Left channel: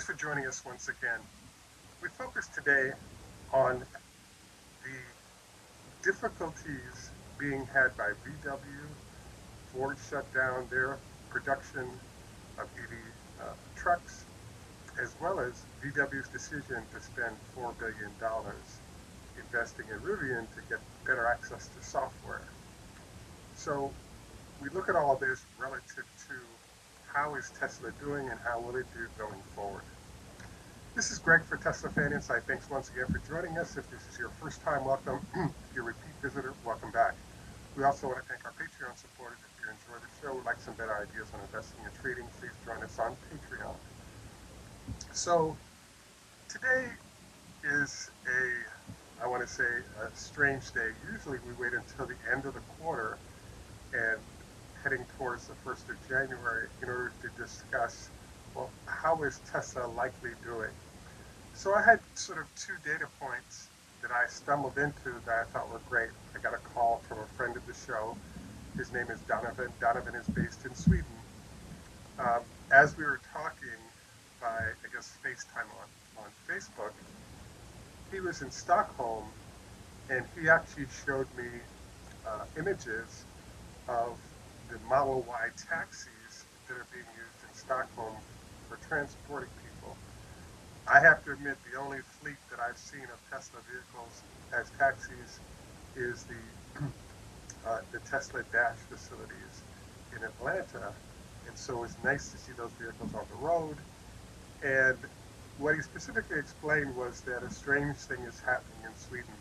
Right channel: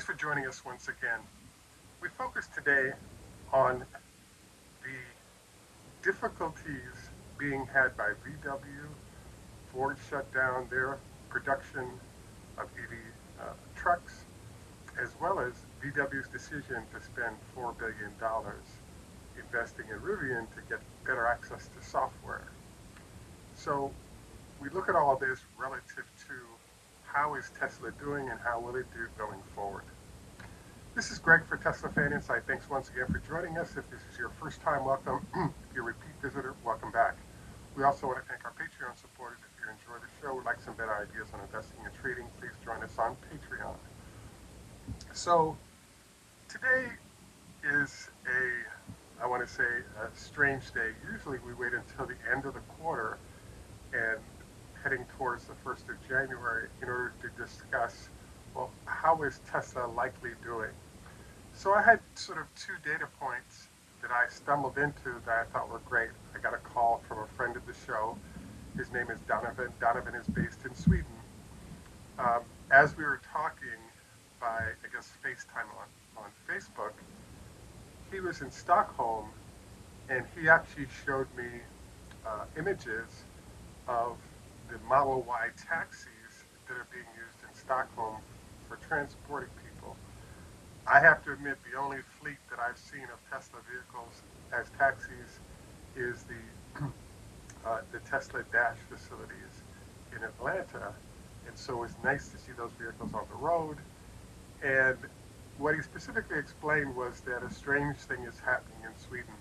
Thanks for joining us once again. We focus today on the difficulties being had by VW. Ford shut down their production of EV trucks, as well as VW's decision to spend $4 billion investing in Rivian to get better access to software. So we look at all of this relative to how is Tesla doing and how will it do going forward. This is Greg for Teslafaninsight. Thanks once again for joining us. If this is your first time, welcome. If you're a repeat visitor, welcome back. We also want to thank our Patreon supporters. If you enjoy the show, would like some better ideas on investing and trading, please join us on Patreon. So today is I want to say, a strange day. Usually we wait until the end of the quarter and heading towards the 1st of January in order to discuss, well, how is Tesla likely doing? So I had sort of two data points that I stumbled into that I thought were great. I got a call from a friend of the show. His name is Donovan. Donovan is based in Sweden. As we were talking by, I guess, FaceTime on Facebook, he was in Stockholm, and he actually showed me images of the Model Y taxis that are being used in Stockholm for transporting people. I have to admit, the only fleet that I've seen of Tesla vehicles as taxis is the Tesla Dash facilities in Atlanta, and so it's nice to see those vehicles on the road. And what he specifically explained was that a strange thing is happening in Sweden.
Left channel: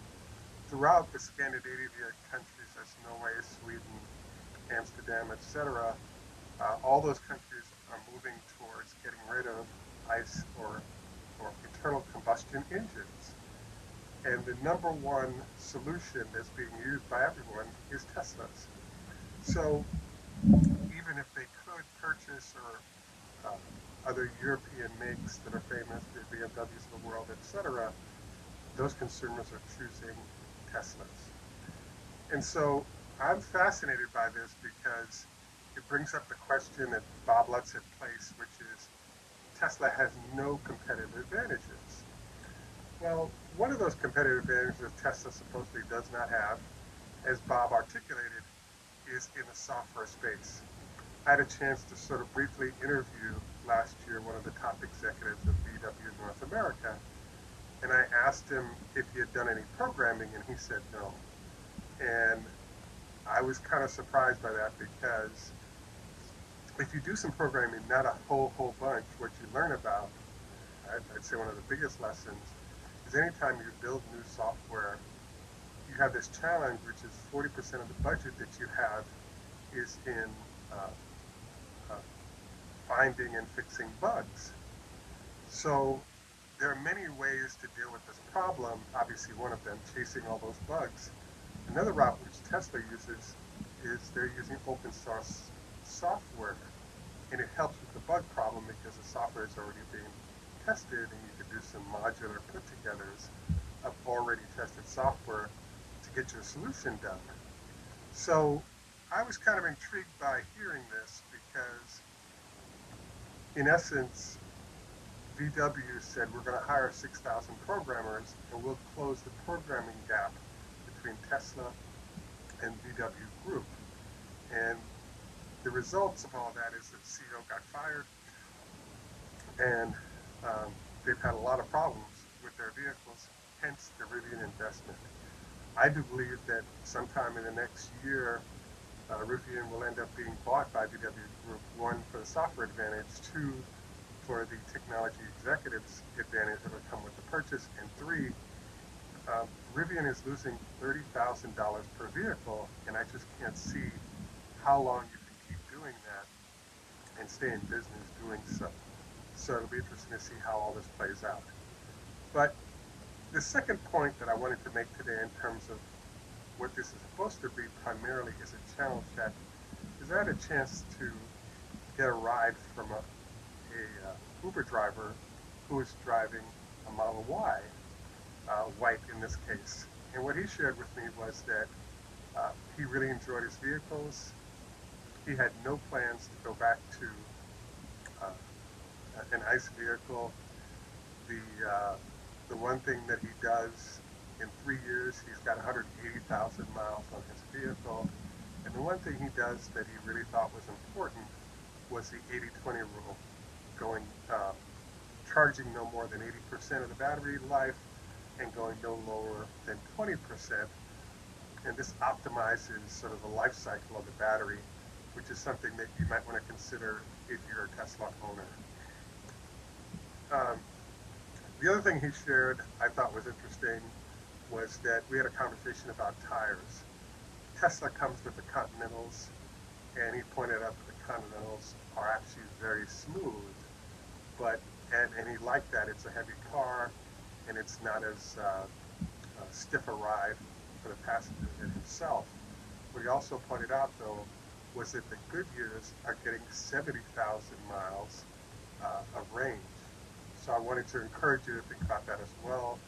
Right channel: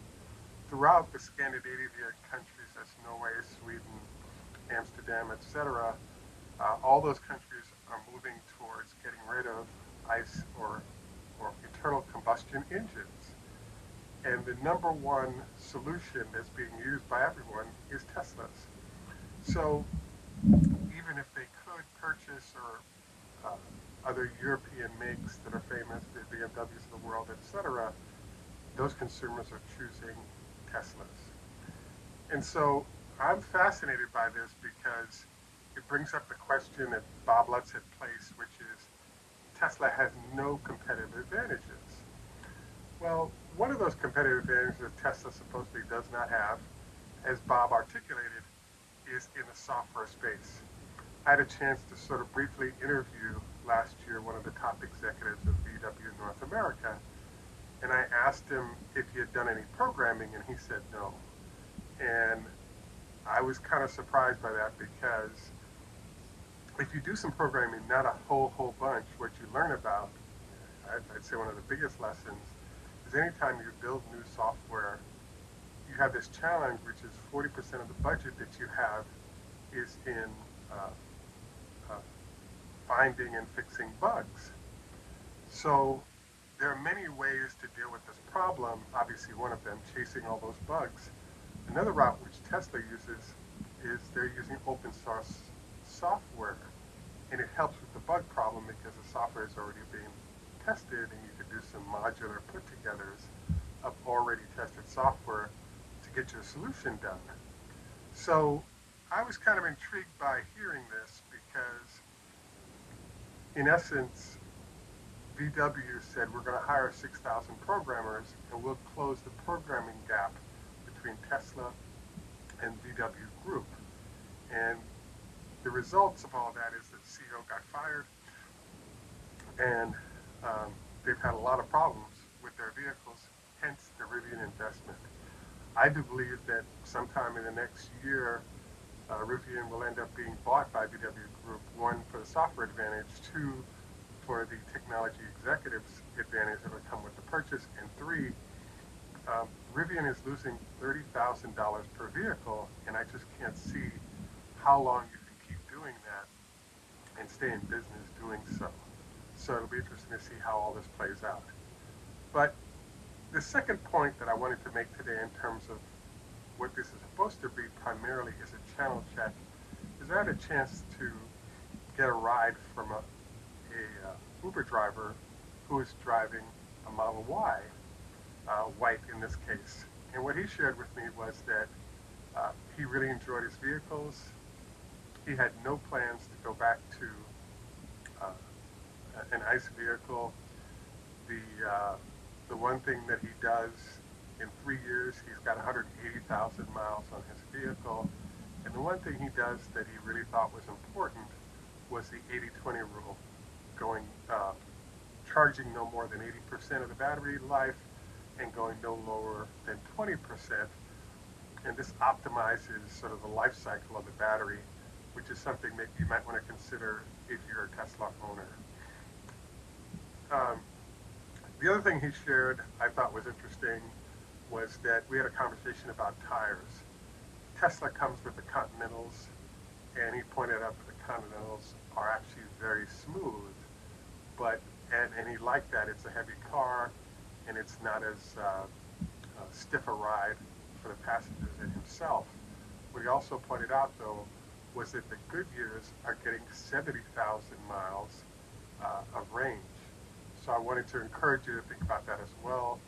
Throughout the Scandinavian countries, that's Norway, Sweden, Amsterdam, etc., all those countries are moving towards getting rid of ICE or internal combustion engines. And the number one solution that's being used by everyone is Teslas. So even if they could purchase or other European makes that are famous, the BMWs of the world, etc., those consumers are choosing Teslas. And so I'm fascinated by this because it brings up the question that Bob Lutz had placed, which is Tesla has no competitive advantages. Well, one of those competitive advantages that Tesla supposedly does not have, as Bob articulated, is in the software space. I had a chance to sort of briefly interview last year one of the top executives of VW North America, and I asked him if he had done any programming, and he said no. And I was kind of surprised by that, because if you do some programming, not a whole bunch, what you learn about, I'd say one of the biggest lessons, is anytime you build new software, you have this challenge, which is 40% of the budget that you have is in finding and fixing bugs. So there are many ways to deal with this problem. Obviously, one of them, chasing all those bugs. Another route which Tesla uses is they're using open source software, and it helps with the bug problem because the software is already being tested, and you could do some modular put-togethers of already tested software to get your solution done. So I was kind of intrigued by hearing this because, in essence, VW said we're going to hire 6,000 programmers and we'll close the programming gap between Tesla and VW Group. And the results of all that is that CEO got fired, and they've had a lot of problems with their vehicles, hence the Rivian investment. I do believe that sometime in the next year, Rivian will end up being bought by VW Group, one, for the software advantage, two, for the technology executives advantage that would come with the purchase, and three, Rivian is losing $30,000 per vehicle, and I just can't see how long you can keep doing that and stay in business doing so. So it'll be interesting to see how all this plays out. But the second point that I wanted to make today in terms of what this is supposed to be primarily is a channel check, is I had a chance to get a ride from a Uber driver who is driving a Model Y, white in this case. And what he shared with me was that he really enjoyed his vehicles. He had no plans to go back to an ICE vehicle. The one thing that he does in 3 years, he's got 180,000 miles on his vehicle. And the one thing he does that he really thought was important was the 80-20 rule, going charging no more than 80% of the battery life and going no lower than 20%. And this optimizes sort of the life cycle of the battery, which is something that you might want to consider if you're a Tesla owner. The other thing he shared I thought was interesting was that we had a conversation about tires. Tesla comes with the Continentals, and he pointed out that the Continentals are actually very smooth, and he liked that. It's a heavy car, and it's not as stiff a ride for the passengers and himself. What he also pointed out, though, was that the Goodyears are getting 70,000 miles of range. So I wanted to encourage you to think about that as well.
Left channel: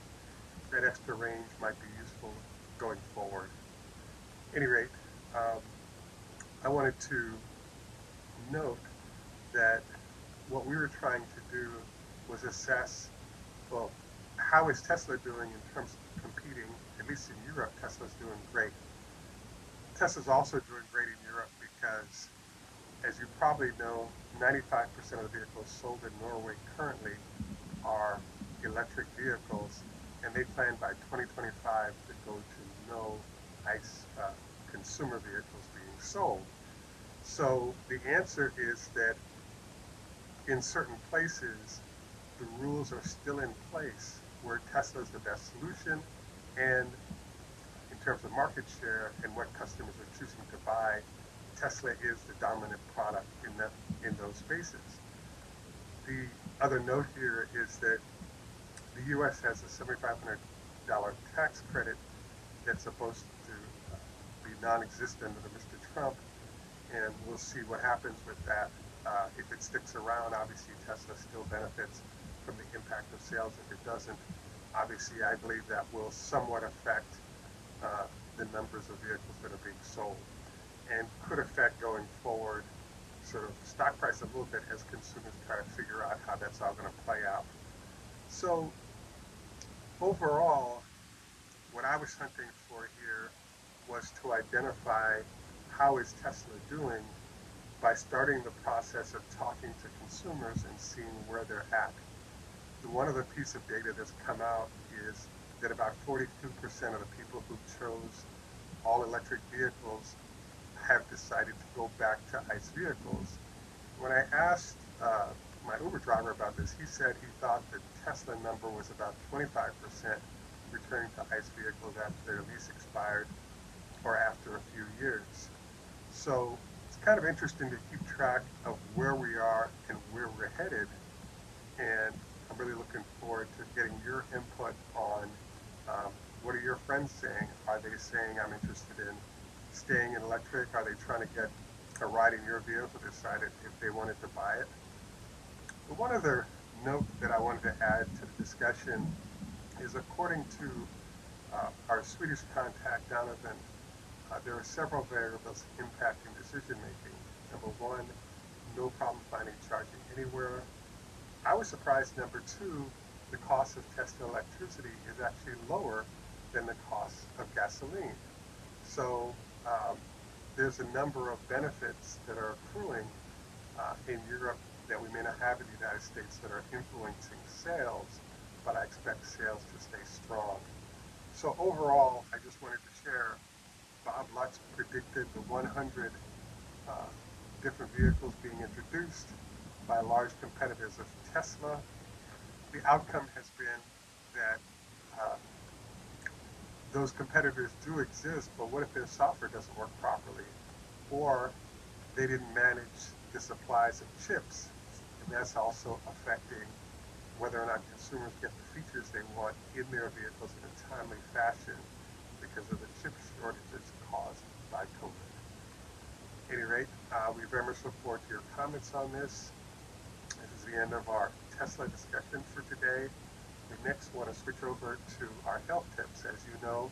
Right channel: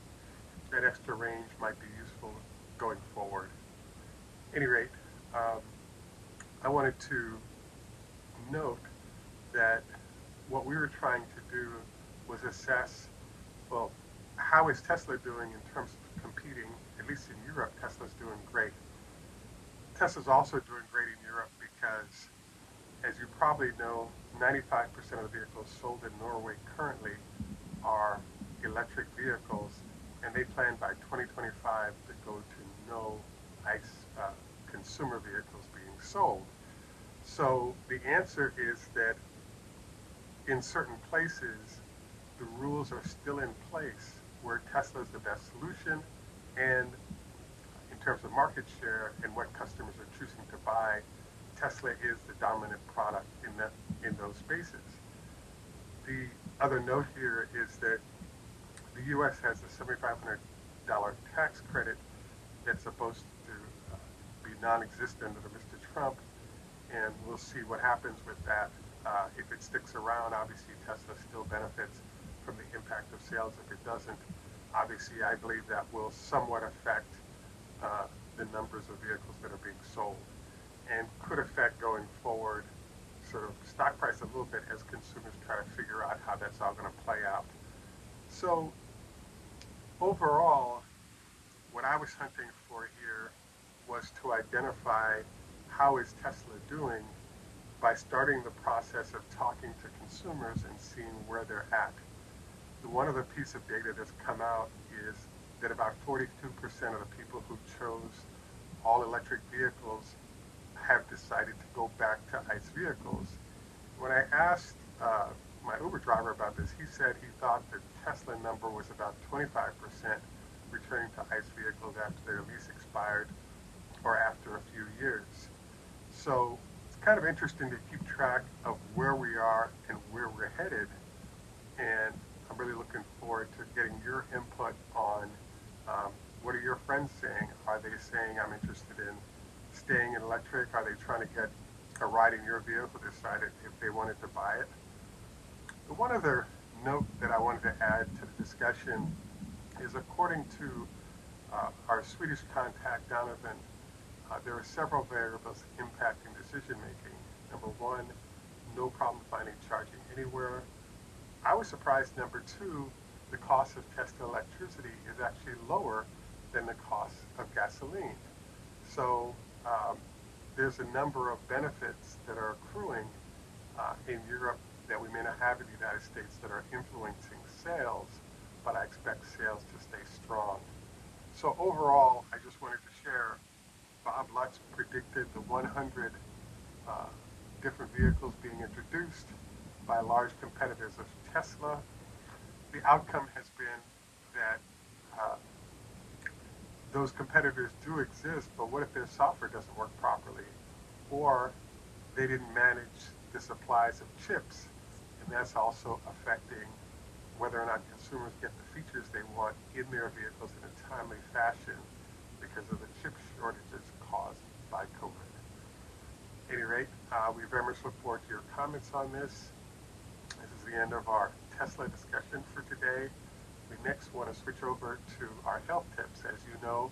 That extra range might be useful going forward. At any rate, I wanted to note that what we were trying to do was assess, well, how is Tesla doing in terms of competing? At least in Europe, Tesla's doing great. Tesla's also doing great in Europe because, as you probably know, 95% of the vehicles sold in Norway currently are electric vehicles, and they plan by 2025 to go to no ICE consumer vehicles being sold. So the answer is that in certain places, the rules are still in place where Tesla is the best solution, and in terms of market share and what customers are choosing to buy, Tesla is the dominant product in those spaces. The other note here is that the U.S. has a $7,500 tax credit that's supposed to be non-existent under Mr. Trump, and we'll see what happens with that. If it sticks around, obviously Tesla still benefits from the impact of sales. If it doesn't, obviously I believe that will somewhat affect the numbers of vehicles that are being sold, and could affect going forward sort of stock price a little bit as consumers try to figure out how that's all going to play out. So overall, what I was hunting for here was to identify how is Tesla doing by starting the process of talking to consumers and seeing where they're at. One other piece of data that's come out is that about 42% of the people who chose all electric vehicles have decided to go back to ICE vehicles. When I asked my Uber driver about this, he said he thought the Tesla number was about 25% returning to ICE vehicles after their lease expired or after a few years. So it's kind of interesting to keep track of where we are and where we're headed, and I'm really looking forward to getting your input on what are your friends saying? Are they saying I'm interested in staying in electric? Are they trying to get a ride in your vehicle, decided if they wanted to buy it? But one other note that I wanted to add to the discussion is, according to our Swedish contact, Donovan, there are several variables impacting decision making. Number one, no problem finding charging anywhere. I was surprised, number two, the cost of Tesla electricity is actually lower than the cost of gasoline. So there's a number of benefits that are accruing in Europe that we may not have in the United States that are influencing sales, but I expect sales to stay strong. So overall, I just wanted to share, Bob Lutz predicted the 100 different vehicles being introduced by large competitors of Tesla. The outcome has been that those competitors do exist, but what if their software doesn't work properly? Or they didn't manage the supplies of chips, and that's also affecting whether or not consumers get the features they want in their vehicles in a timely fashion because of the chip shortages caused by COVID. At any rate, we very much look forward to your comments on this. This is the end of our Tesla discussion for today. We next want to switch over to our health tips. As you know,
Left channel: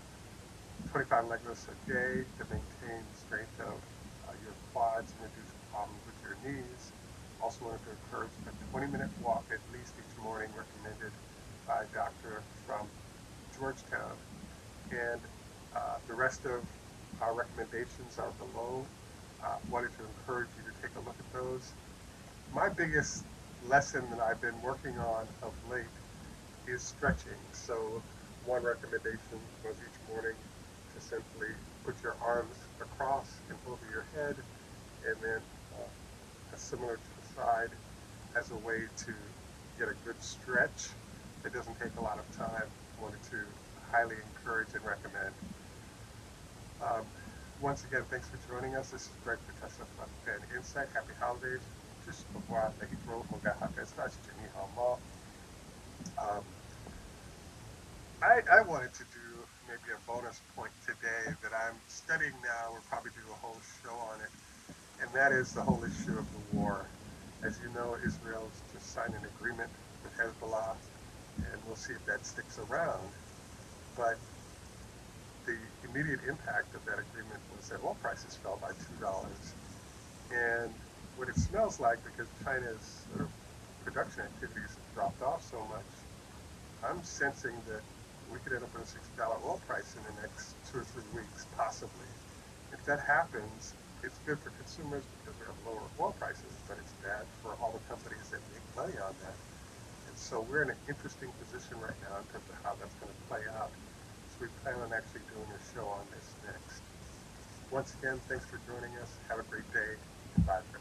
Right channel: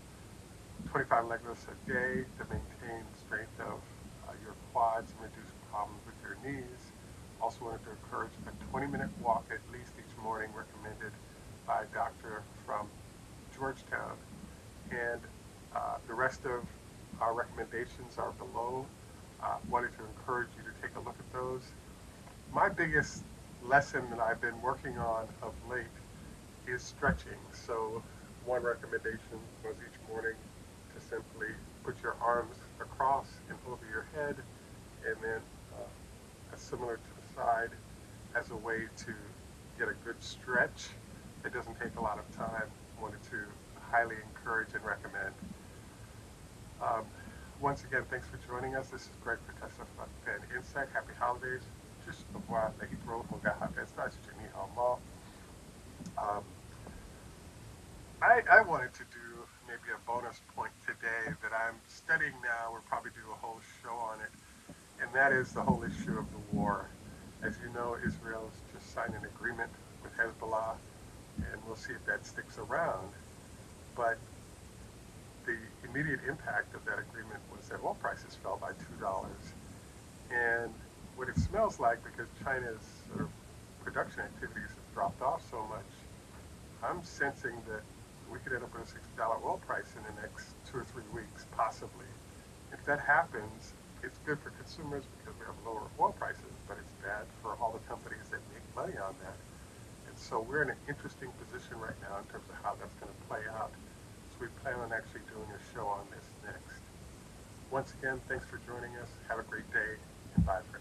25 leg lifts a day to maintain the strength of your quads and reduce problems with your knees. Also wanted to encourage a 20-minute walk at least each morning, recommended certified doctor from Georgetown. And the rest of our recommendations are below. Wanted to encourage you to take a look at those. My biggest lesson that I've been working on of late is stretching. So one recommendation was each morning to simply put your arms across and over your head, and then similar to the side as a way to get a good stretch. It doesn't take a lot of time. Wanted to highly encourage and recommend. Once again, thanks for joining us. This is Greg for Teslafaninsight. Happy holidays. Just before I make it roll, I wanted to do maybe a bonus point today that I'm studying now. We'll probably do a whole show on it, and that is the whole issue of the war. As you know, Israel's just signed an agreement with Hezbollah, and we'll see if that sticks around. But the immediate impact of that agreement was that oil prices fell by $2. And what it smells like, because China's sort of production activities have dropped off so much, I'm sensing that we could end up with a $6 oil price in the next 2 or 3 weeks, possibly. If that happens, it's good for consumers because we have lower oil prices, but it's bad for all the companies that make money on that. And so we're in an interesting position right now in terms of how that's going to play out. So we plan on actually doing a show on this next. Once again, thanks for joining us. Have a great day, and bye for now.